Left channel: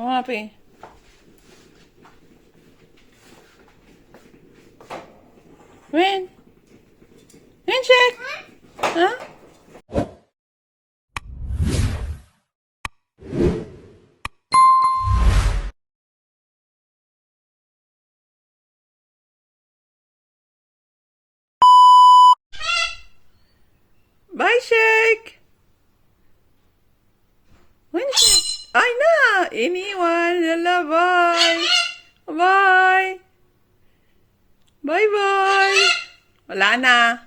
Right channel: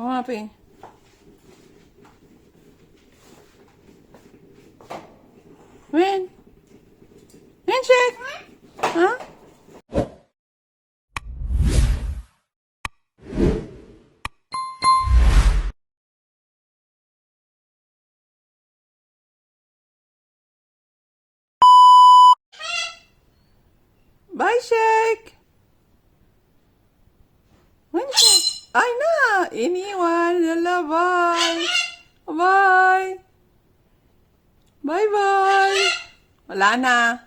What happened? When? Handshake? Huh? Bye, Shake! When, Shake? Ay na! Iniwan! Lala, bye! Bye! Bye-bye! Wala na.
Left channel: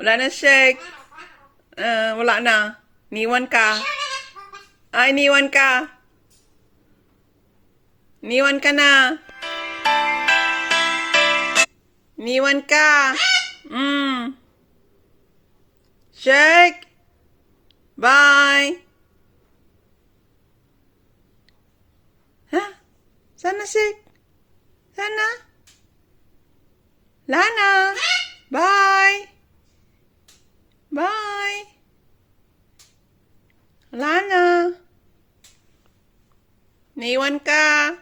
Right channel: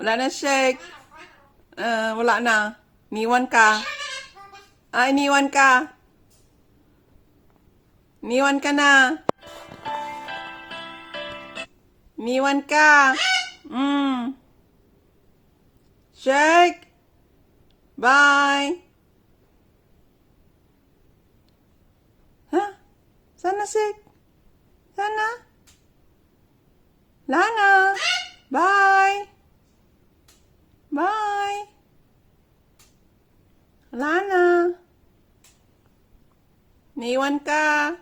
Wala na, Shake. Wala na. Iniwan ka. Iniwan ka. Iniwan ka na. Iniwan ka. Shake. Bye. Ha? Sana, Shake? Sana? Lana. Bye. Bye. Lana. Naiwan ka.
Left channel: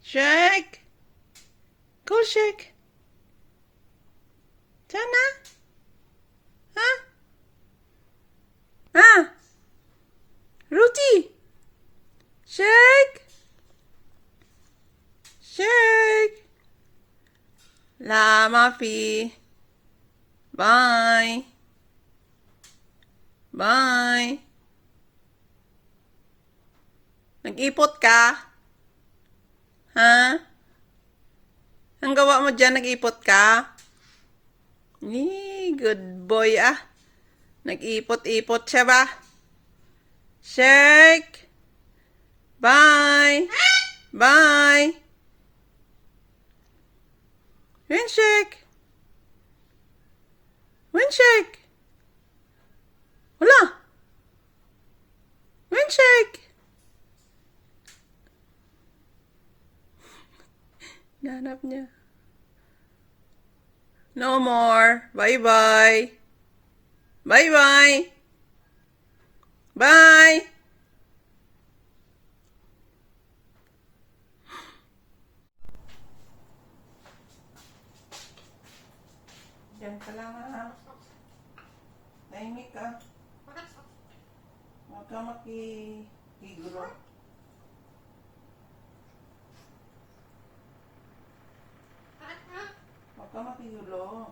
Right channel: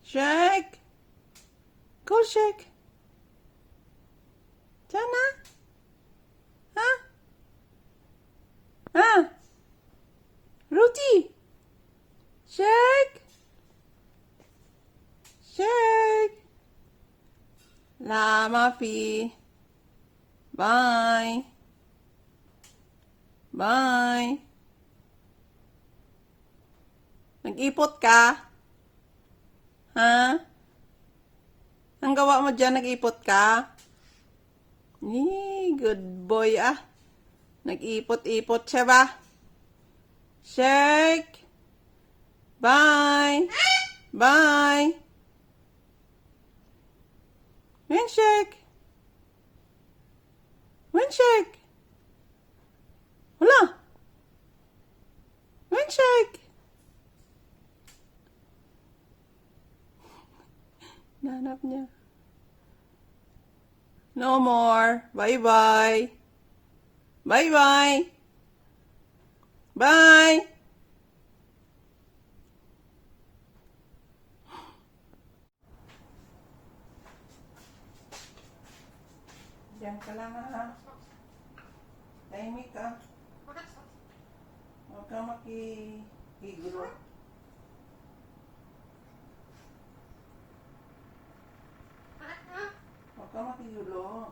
Shake. Go, Shake. Sana? Ha? Ha? Ruti. Shake. Shake. La Mafi. Bye. Bye. Nag-ipot ka? Ha? Ang gawa mo dyan, nag-ipot ka? Good boy ah. Nag-ipot-ipot siya ba? Shake. Bye. Bye. Handshake. Handshake. Wala. Handshake. Nahanap niya. No more. Bye-bye. Bye-bye. Bye. Diyan ka lang ha. Tahimik ka. Huwag ka makigulo. Huwag ka makigulo.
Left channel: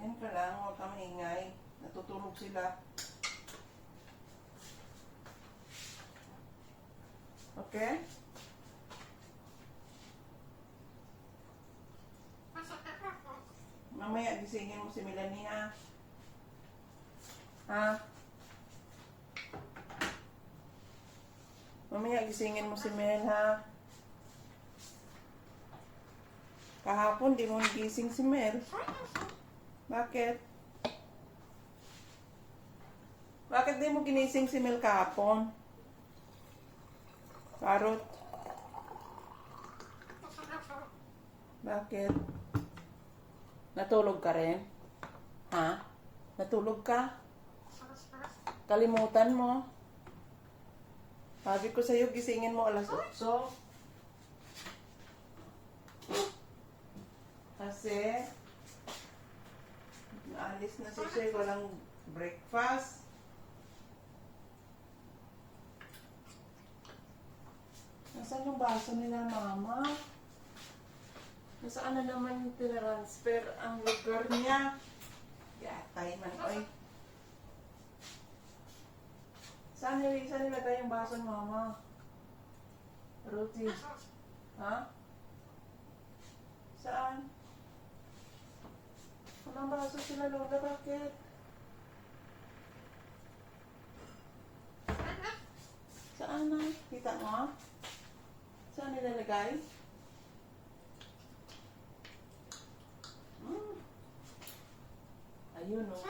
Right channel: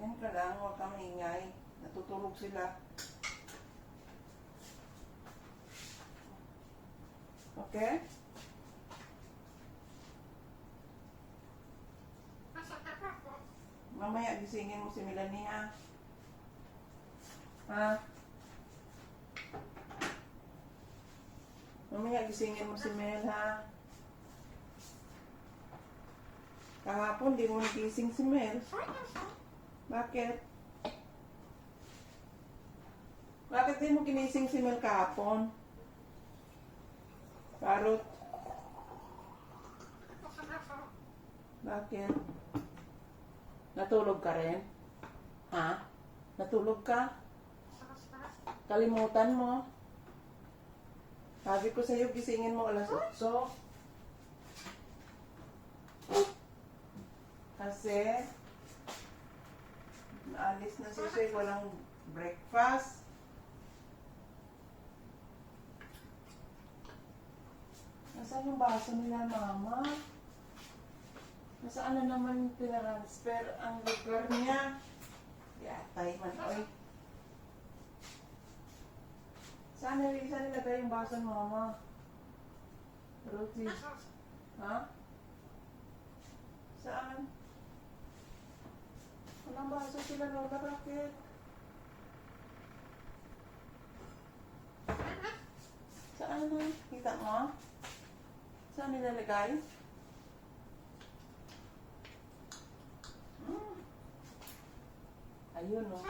Diyan ka lang. Huwag ka maingay. Natutulog sila. Okay? Mamaya gisingin mo si Melanie ha. Ha? Mamaya gisingin mo si Mel ha. Kahapon di mo gising si Mel. Bakit? Bakit di mo ginising si Mel kahapon? Karot? Bakit? Natulog ka rin? Ha? Natulog ka? Kalimutan mo? Sabi ko sa'yo, gisingin mo alas 8. Kasi, naalis na siya, walang breakfast. Nasaan yung baso nila, Mama? Nasaan na naman tinransfer ang lugar niya? Yatay man, oy. Saan nilagay yung baso, Mama? Ruti. Ha? Saan? Walang baso sila, Lola. Bakit? Saan na? Kita mo? Saan nilalagay? Ayun, no?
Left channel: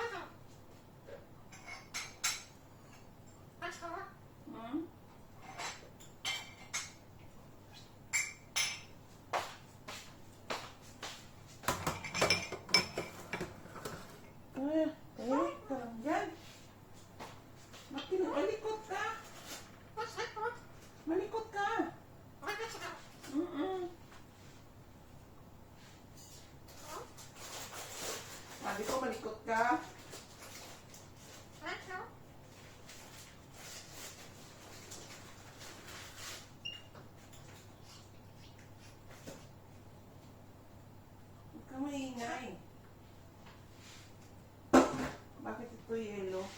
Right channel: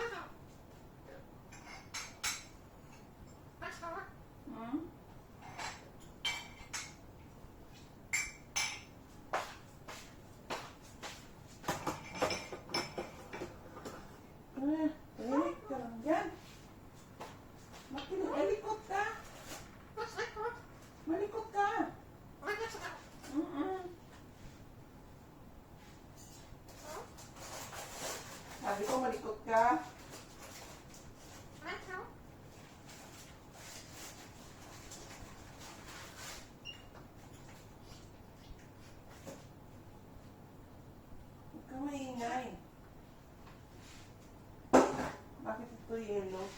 ikot ka. Huwag ka maingay. Bakit ito yellow?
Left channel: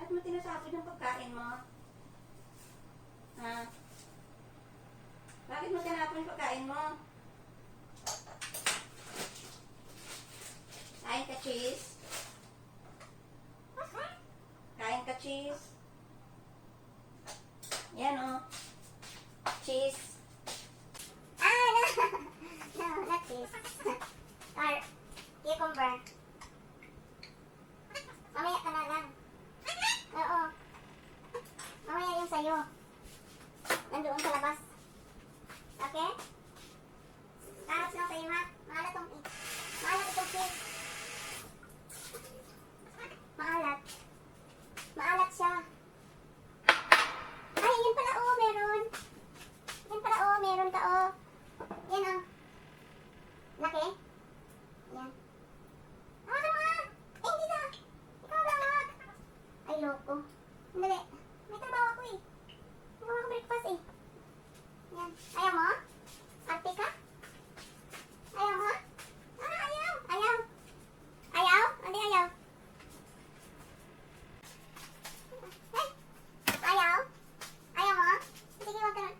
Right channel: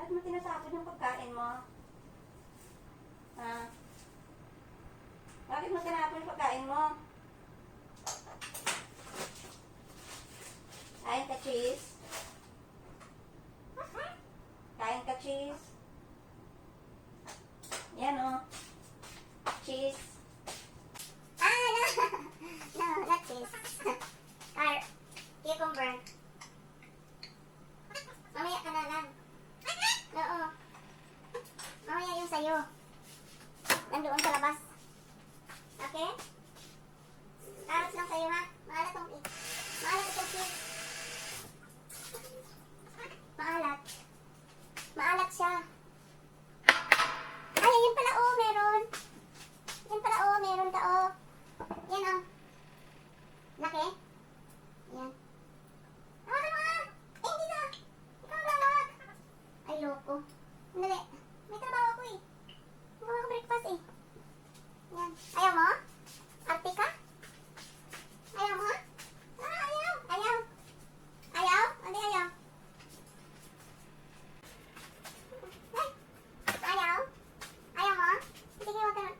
Bakit mo tinasapid yung pagkain mo? Ha? Bakit mo tinapon yung pagkain mo? Kain ka cheese? Kain ka cheese? Yan o. Cheese. No, not cheese. Cucumber. Mamaya ka na lang. Oo. Mamaya yung sayo. Nandoon sa labas. Okay? Carrots lang sa'yo ha. Maalat tong cake. Maalat itong cake. Maalat. Maalat siya. Ay, yan pala oh, meron. Yan pala oh, meron ka oh. Yan oh. Laki? Yan. Hawakan mo na! Eh, hindi na! Ikaw na hawak! Ay, loko. Hindi. May trabaho ako eh. Magawa ko breakfast eh. Yan. Ayaw mo? Arte ka? Ayaw mo? Ayaw! Ayaw! Ayaw? Hindi ayaw. Ay! Ayaw? Ayaw mo? Sige, huwag ka na.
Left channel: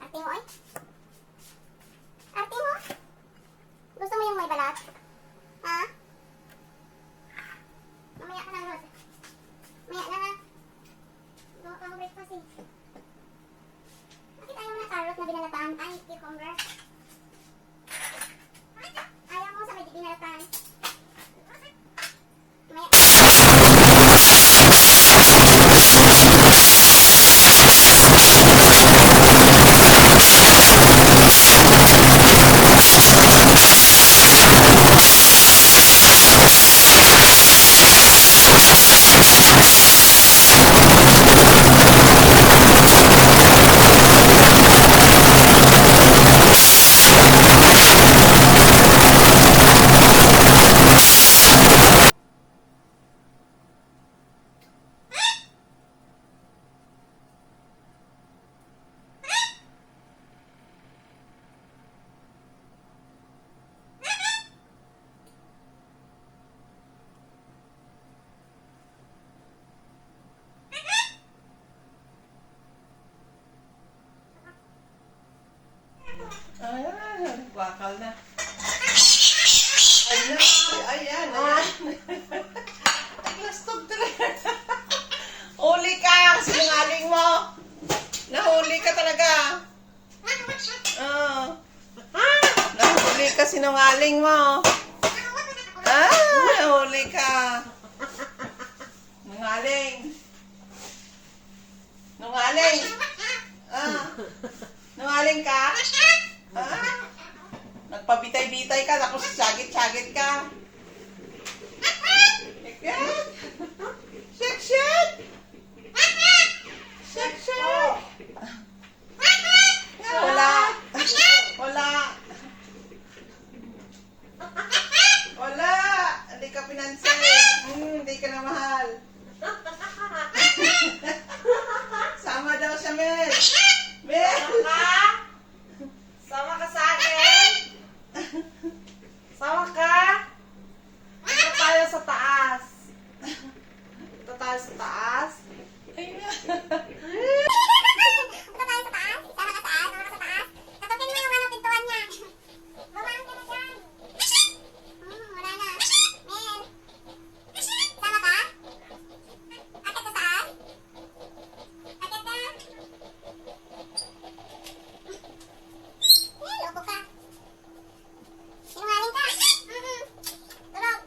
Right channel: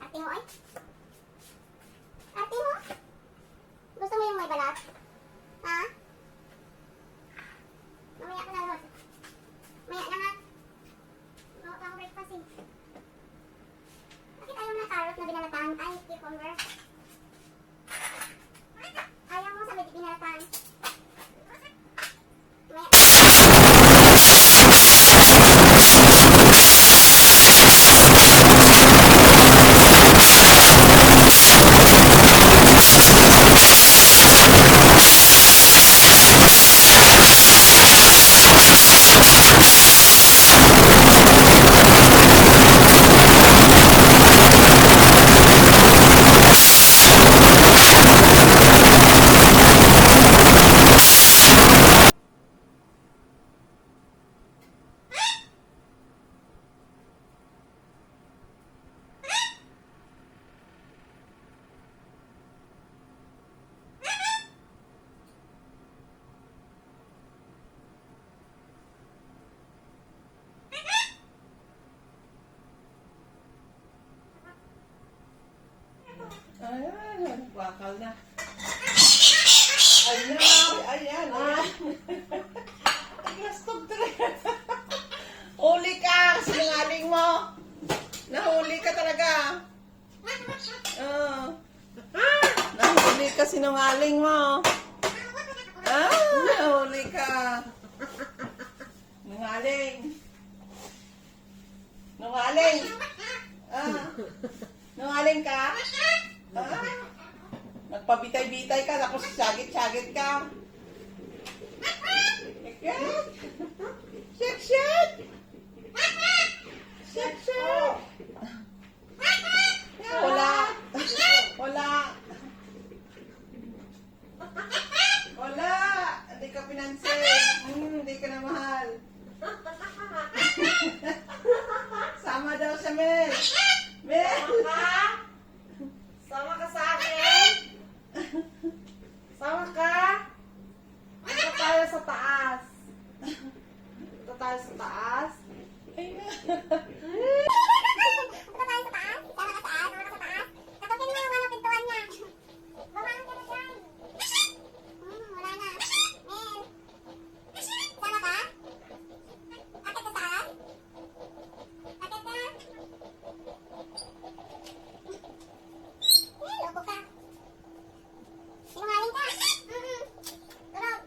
Arte mo eh? Arte mo? Gusto mo yung may balat? Ha? Mamaya ka na, Rod. Mamaya na nga. Gawa ka ako breakfast eh. Bakit ayaw mo na carrot na binalatan? Ay, cucumber. Ayaw mo sa may binalatan. Mamaya. Ay, bakal na. Ayan, ayan, ayan. Naglastog talaga. Huli ka, sinungaling mo. Nahuli ka talaga. Nahuli ka, sinungaling mo. Nahuli ka. Nungaling. Nungaling. Nungaling ka? Nagpabitay-bitay ka, tapos syagit-syagit ka. Ikaw? Shake-shake! Shake-shake! Wala. Wala. Wala. Hindi ka pinansin. Hindi ka na mahal. Sama daw siya, Mel. Mel! Sama ka sa akin? Sama ka? Ito tayo sa taas. Ito tayo sa taas. Ayan. Punta tayo sa taas. Sama ka saan? Sama ka sa taas. Katupin mo yung pintuan niya. Bawaan ka na dyan. Wala na. Mel. Sama ka? Akit ka saan? Akit ka? Loko ka. Sinungaling ka. Tulog.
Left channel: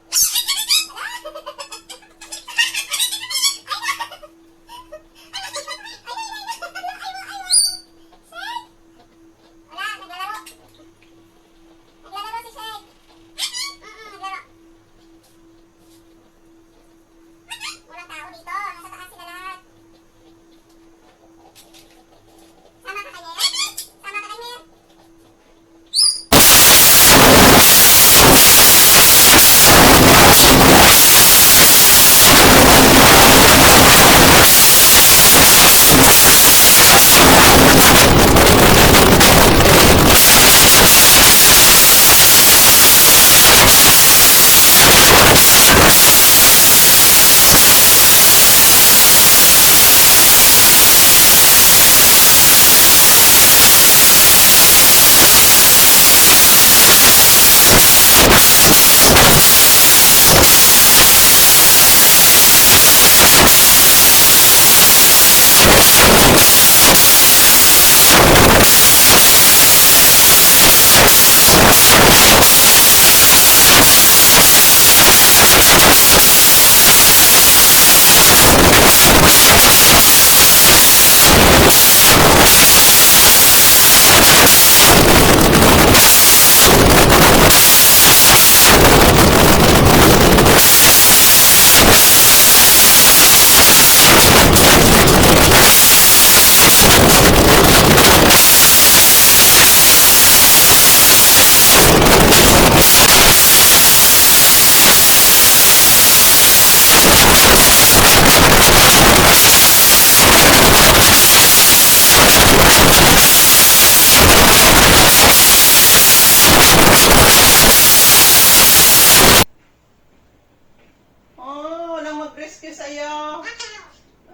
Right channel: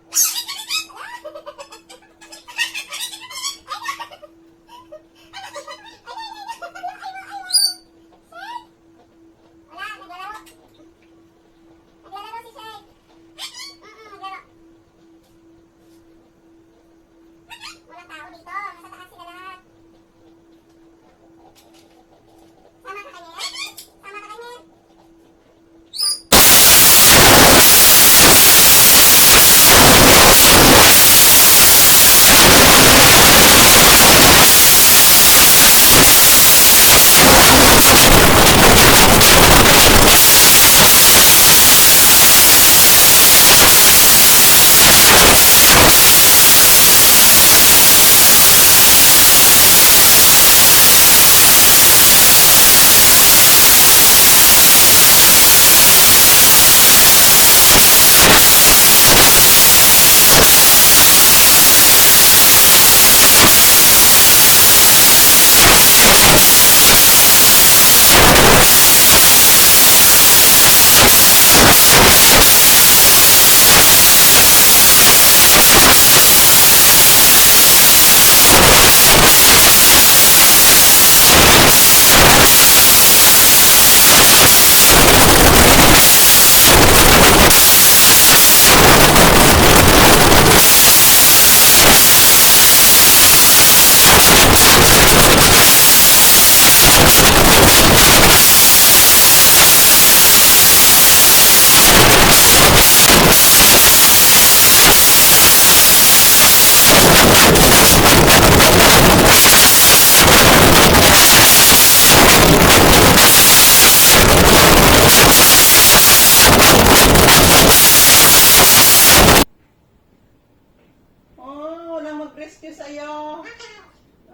mag-rescue sa'yo.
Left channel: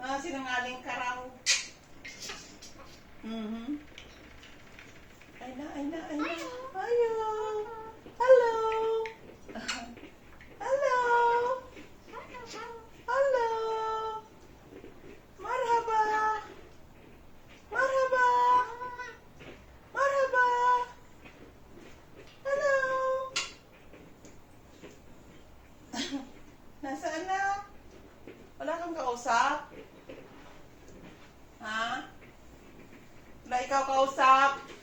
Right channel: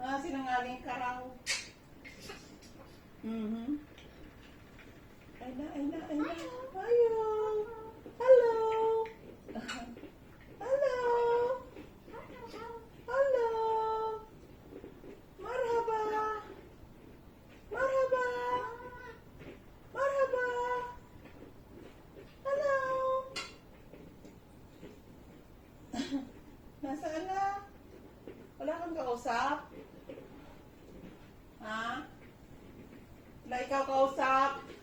Ah, sinungaling ka raw. Mhm. Ay na. Ayo. Hello. Hello. Hello. Marhaba. Marhaba. Marhaba. Hello. Nasaan na? Wala kang kausap? Ha? Wala ikaw kausap?